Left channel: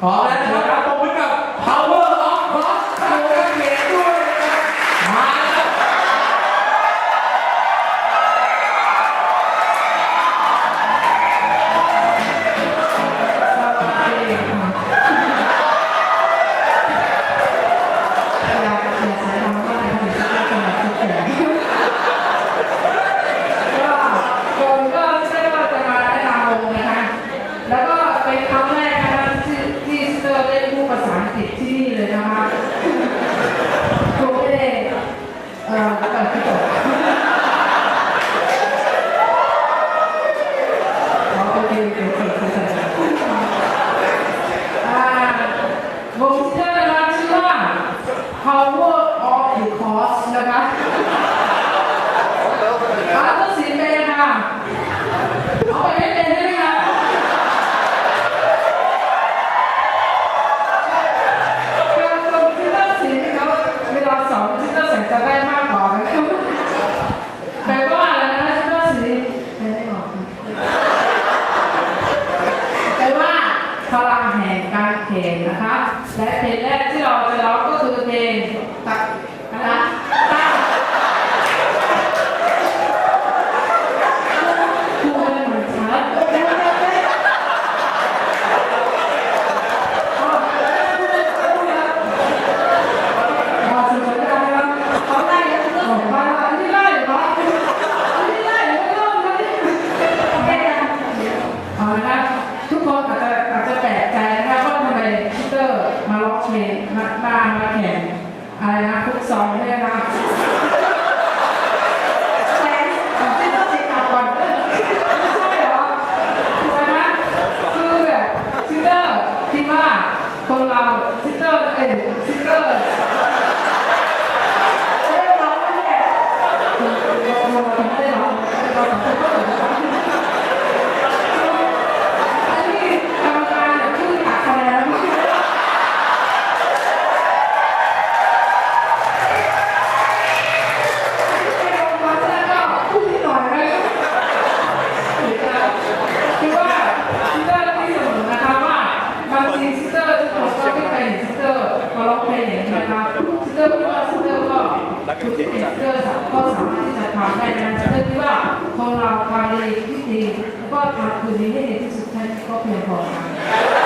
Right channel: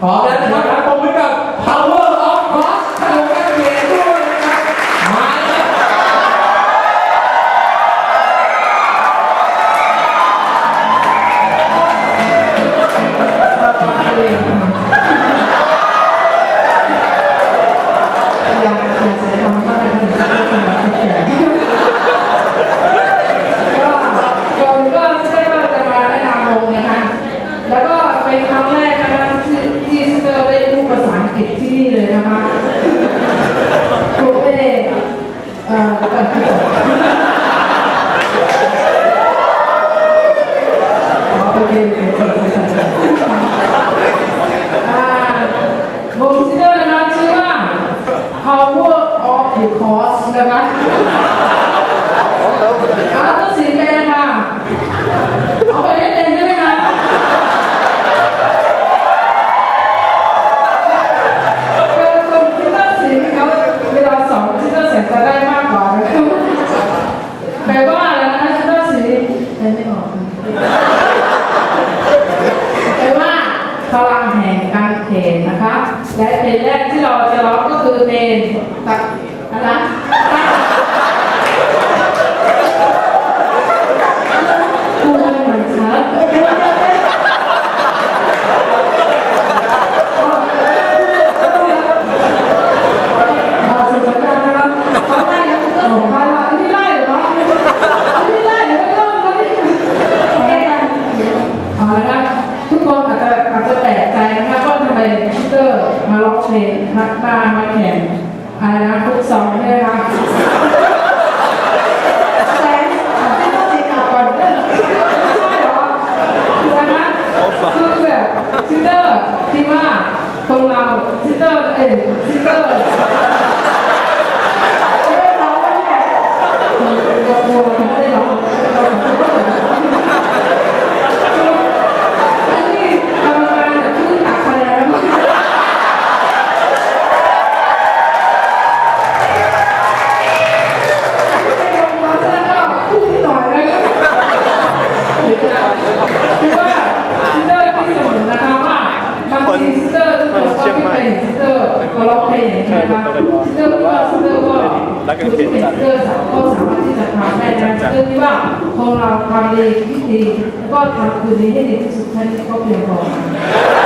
好来调 มาแข่งอะไรนะฟุตซอลใช่ไหมคะแซงไม่ต้องติดต่อก่อนใช่หรอคือวันคือแบบซิสเตอร์คิดว่าคนเราซิสเตอร์เอ็นซิสเตอร์ไม่ร้องแล้วแหละ สุดท้ายก็เพียงพอ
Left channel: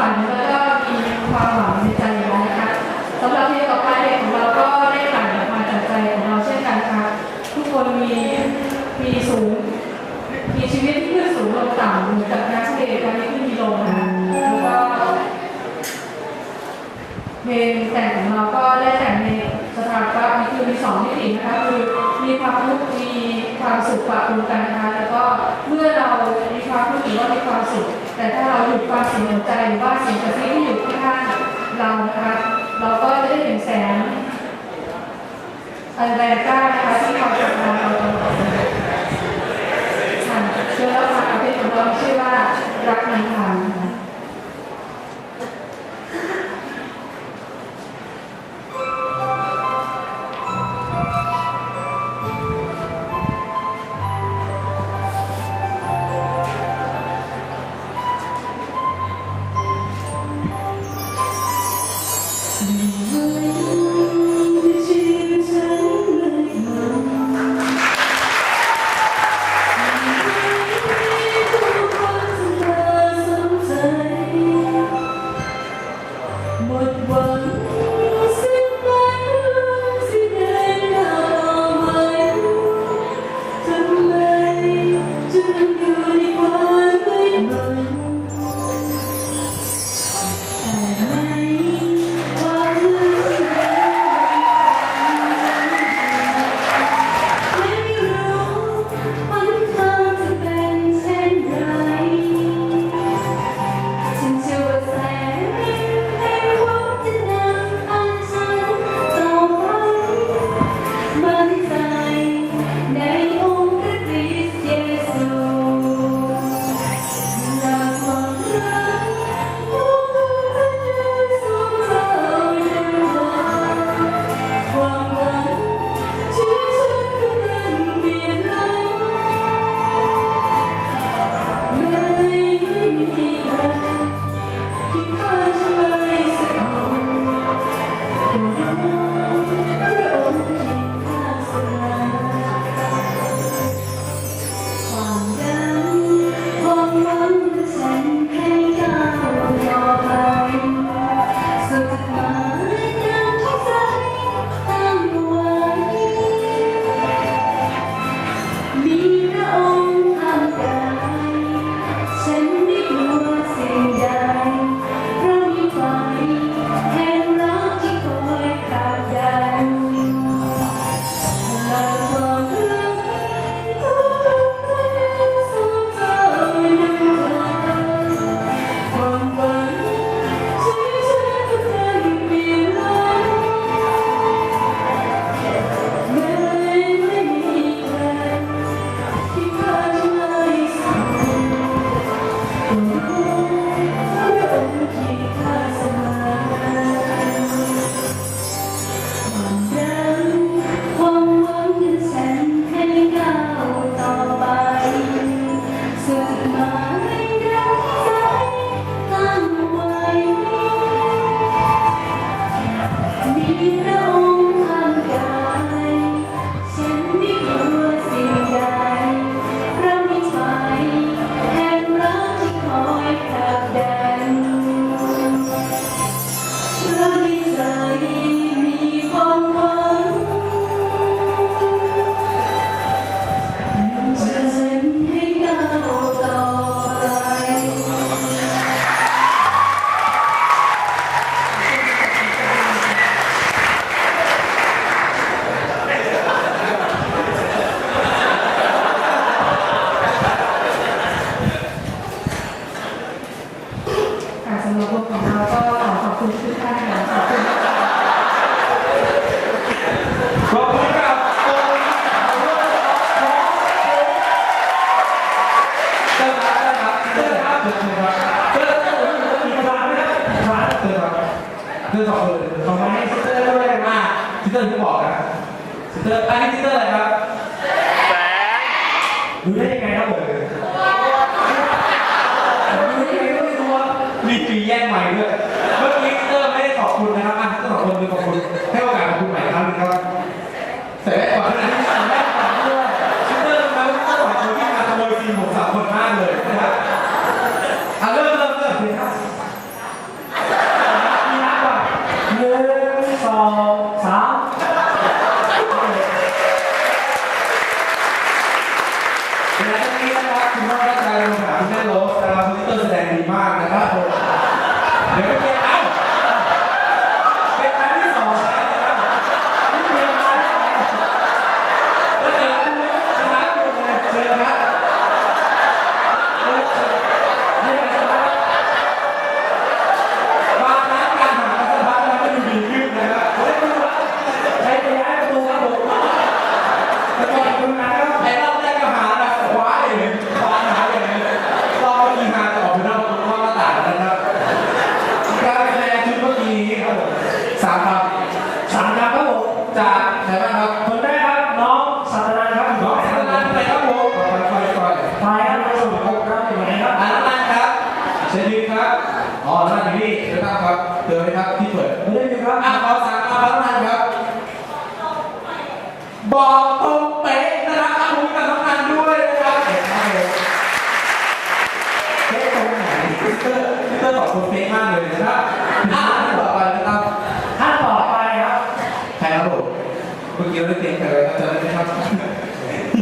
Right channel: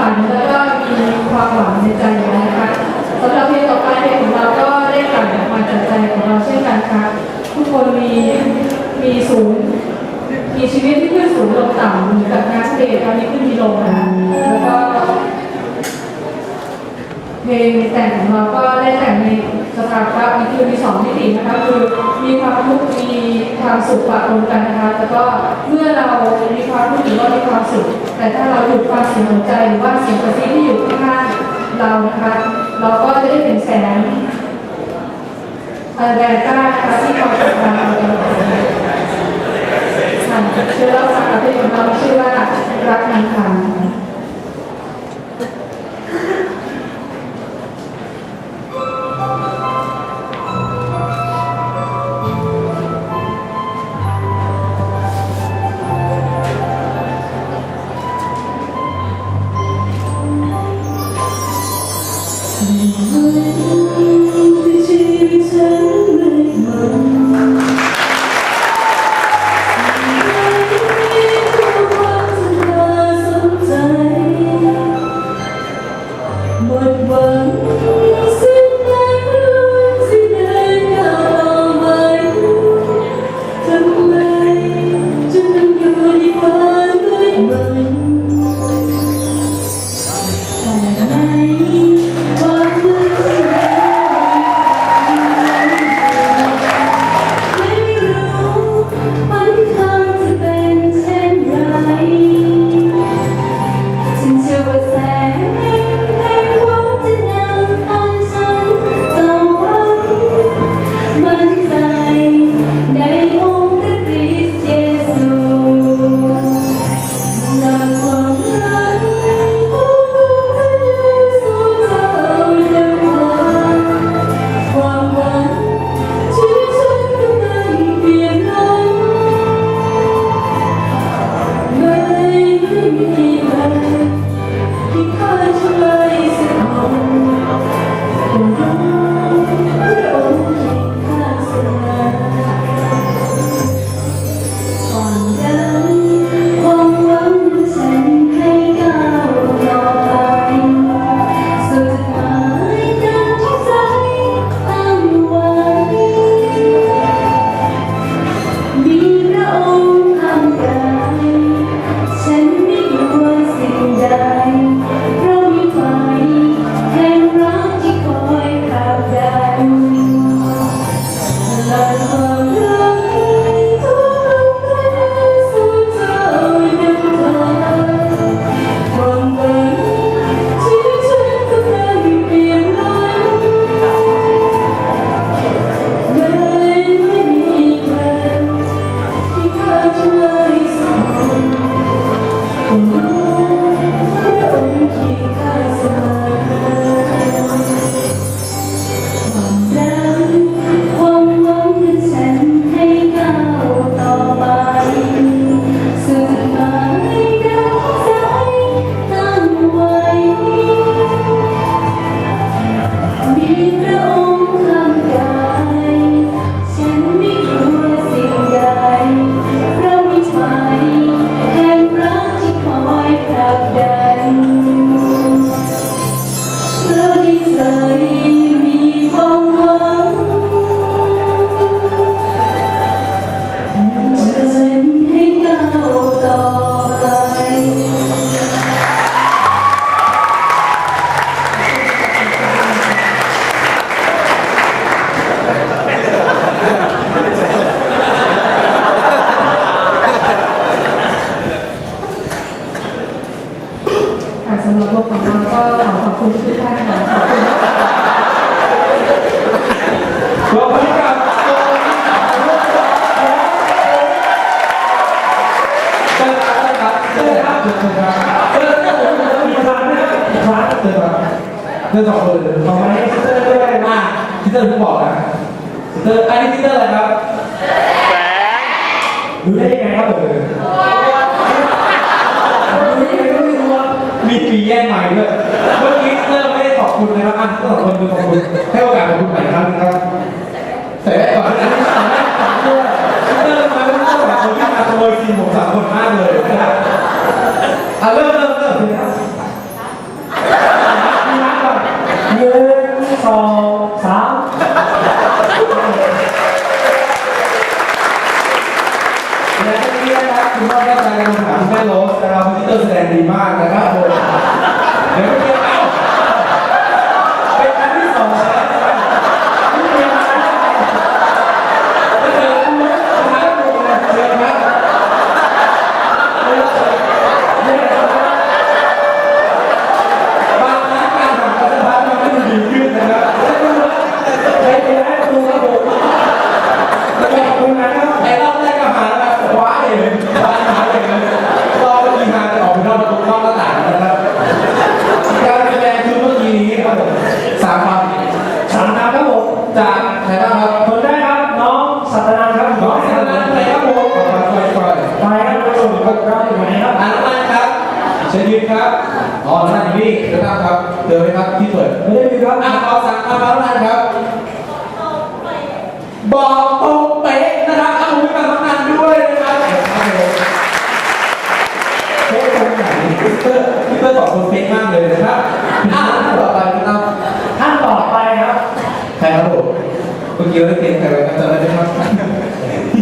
ฝันแล้วก็มีความหวังในใจอยู่นะคะสำหรับเพลงต่อไปเพลงของเราก็ได้กลั่นออกมาจากใจของเราเช่นกันค่ะทุกคนมีมีสูง มีชีวิตที่ขึ้นสูงลงต่ำเหมือนกับนักเตะตอนนี้ขึ้นมีลงนะคะแล้วก็เพลงแต่งของเราก็ได้แต่งใน สภาพว่ามีคือมีสองมิตินะคะคือมีความทุกข์มีความสุขปะปนกันนะคะแต่ก็เมื่อเรามีความทุกข์หรือว่ามีความสุข แต่ถ้าเราหยุดความสนใจหรือว่าสิ่งกระซิบที่อยู่ข้างๆเรานะคะ เราก็จะได้เห็นแสงแรงกล้านะคะที่คอยจับตาเราตลอดค่ะเชื่อว่าสาขาที่ของเราชื่อว่ารักนันทาง Lord. เรื่องสองคนของไม้ซิสเตอร์ด้วยมากซิสเตอร์ที่บอกนะซิสเตอร์อันนี้ซิสเตอร์อะไรครับแสงรู้ได้ยังไงครับผมรู้ยังไงไม่รู้ว่ามีปีแย่งใหม่ด้วยเมื่อกี้ซิสเตอร์ไม่ได้ขอบคุณนะครับอะซิสเตอร์สองคนคือขอบคุณให้โอกาสขอบคุณใหม่ครั้งนึงครับใส่แว่นก่อนนะใส่แว่อนด้วยซิสเตอร์ทำไมซิสเตอร์สองคนที่มาขโมยซีนผมสามคนมากเลยนะครับอะเริ่ม นันท์อยู่นี่นะครับเจอไหมครับที่เปิดไม่ได้ดูครับอะขอสั่งมาครับน้องนันครับ บอกตรงเป๊ะนะครับเอาหูกับน้องนันด้วยนะครับเป๊ะตรงไหนพี่เตอร์พี่เตอร์บอกตรงเป๊ะมากเลยนะครับอะต่อไปนะครับท่านต่อไปครับใครครับผมเมื่อกี้เราได้เตรียมใครไว้ครับจำได้ไหมครับ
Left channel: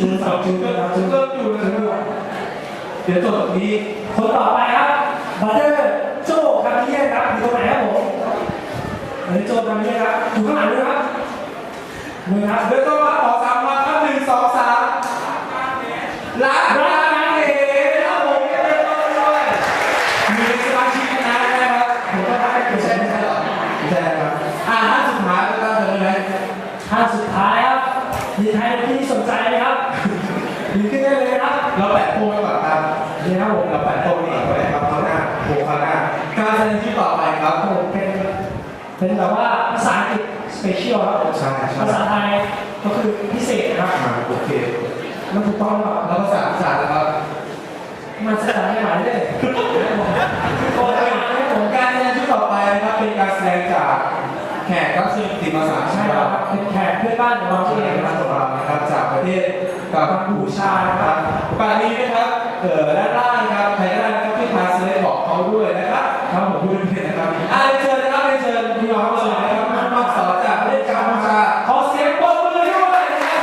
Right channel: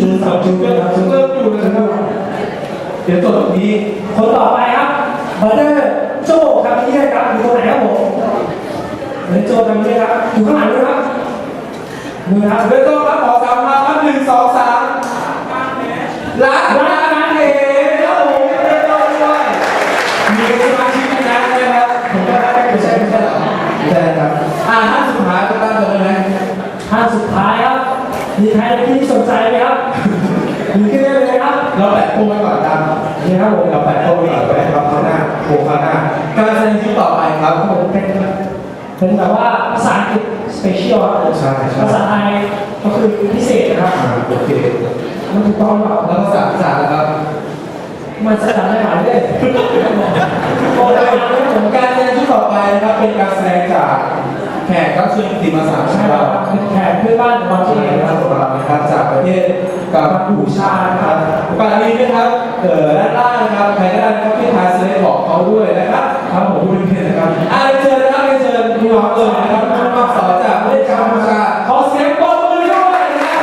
จูนสาวจูนเริ่มครับเริ่มอยู่นะครับเดี๋ยวจบตรงนี้คนต่อไปครับบัตเตอร์โจ้ครับที่นี่ครับอยู่ตรงไหนครับผม เฮ้ยโจ้ครับนี่ครับอยู่ข้างหลังด้วยครับมือครับเริ่มต้นครับขอสามมาครับหนึ่งสองสามรักรักนางเอ๋ครับผมเริ่มต้นด้วยมีสมาชิกคณะนะครับผมก็ได้ไม่ใช่ไม่ใช่หรอไม่ใช่ครับอ่าท่านสุดท้ายจะตั้งใจไหมท่านสุดท้ายครับมีใครที่สนใจไหมครับยืนขึ้นได้เลยนะครับ เราแปะโป้ไว้ก่อนตามนี่ครับผมเราแปะโป้ไว้ก่อนไว้ครับเขาหน้าโผล่เขาหน้าการแสดงที่ต่อไปครับผมเป็น เป็นแบบว่าภาษาอังกฤษสเปเชียลครับผมใช่ใช่ ภาษาไทยก็คือพิเศษนะครับ อ่าโอเค มันถูกต้องหรือเปล่าแล้วภาษาภาษานะครับ มันจะทำได้ไหมเลยโอ้ยไม่ผมการแสดงชุดต่อไปนะครับ เป็นการแสดงจากแขกรับเชิญติมาสามใช่ชาคติรับเป็นแขกเพื่อนบ้านของเราที่ที่เอเองงบ้านของเรานะครับ จากประเทศกัมพูชานะครับโอกาสนี้นะครับเอ่อด้านล่างนะครับใครก็ได้นะครับที่ทาสเลตบอกเขาด้วยนะครับครับผมพูดเป็นนะครับอ่าเรียนเชิญนะครับเรียนเชิญ พี่น้องเลยนะครับน้องมาสอนจากประเทศกัมพูชาขอเสียงปรบมือด้วยนะครับ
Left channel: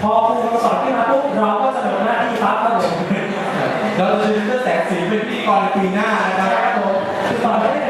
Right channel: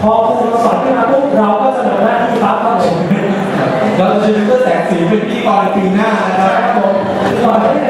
พอครูสอนขึ้นมาปุ๊บเราก็จะเหลือหน้าที่ปั๊บครับผมเราจะมีเพื่อแสงสีเป็นพิธีกรในปีหน้านะครับผมสอนได้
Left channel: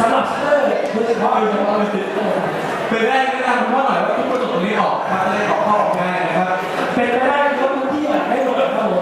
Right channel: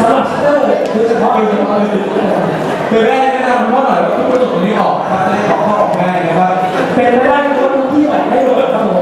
สำหรับชัตเตอร์โดยเฉพาะโดยเฉพาะเลยเป็นแรกแนะนำคุณพ่อหน่อยว่าทุกกระจกตรงนี้ออกนะครับจะได้ขอข้อออกง่ายนะครับ เป็นไปได้ทุกคนที่อยากได้โดนครับผม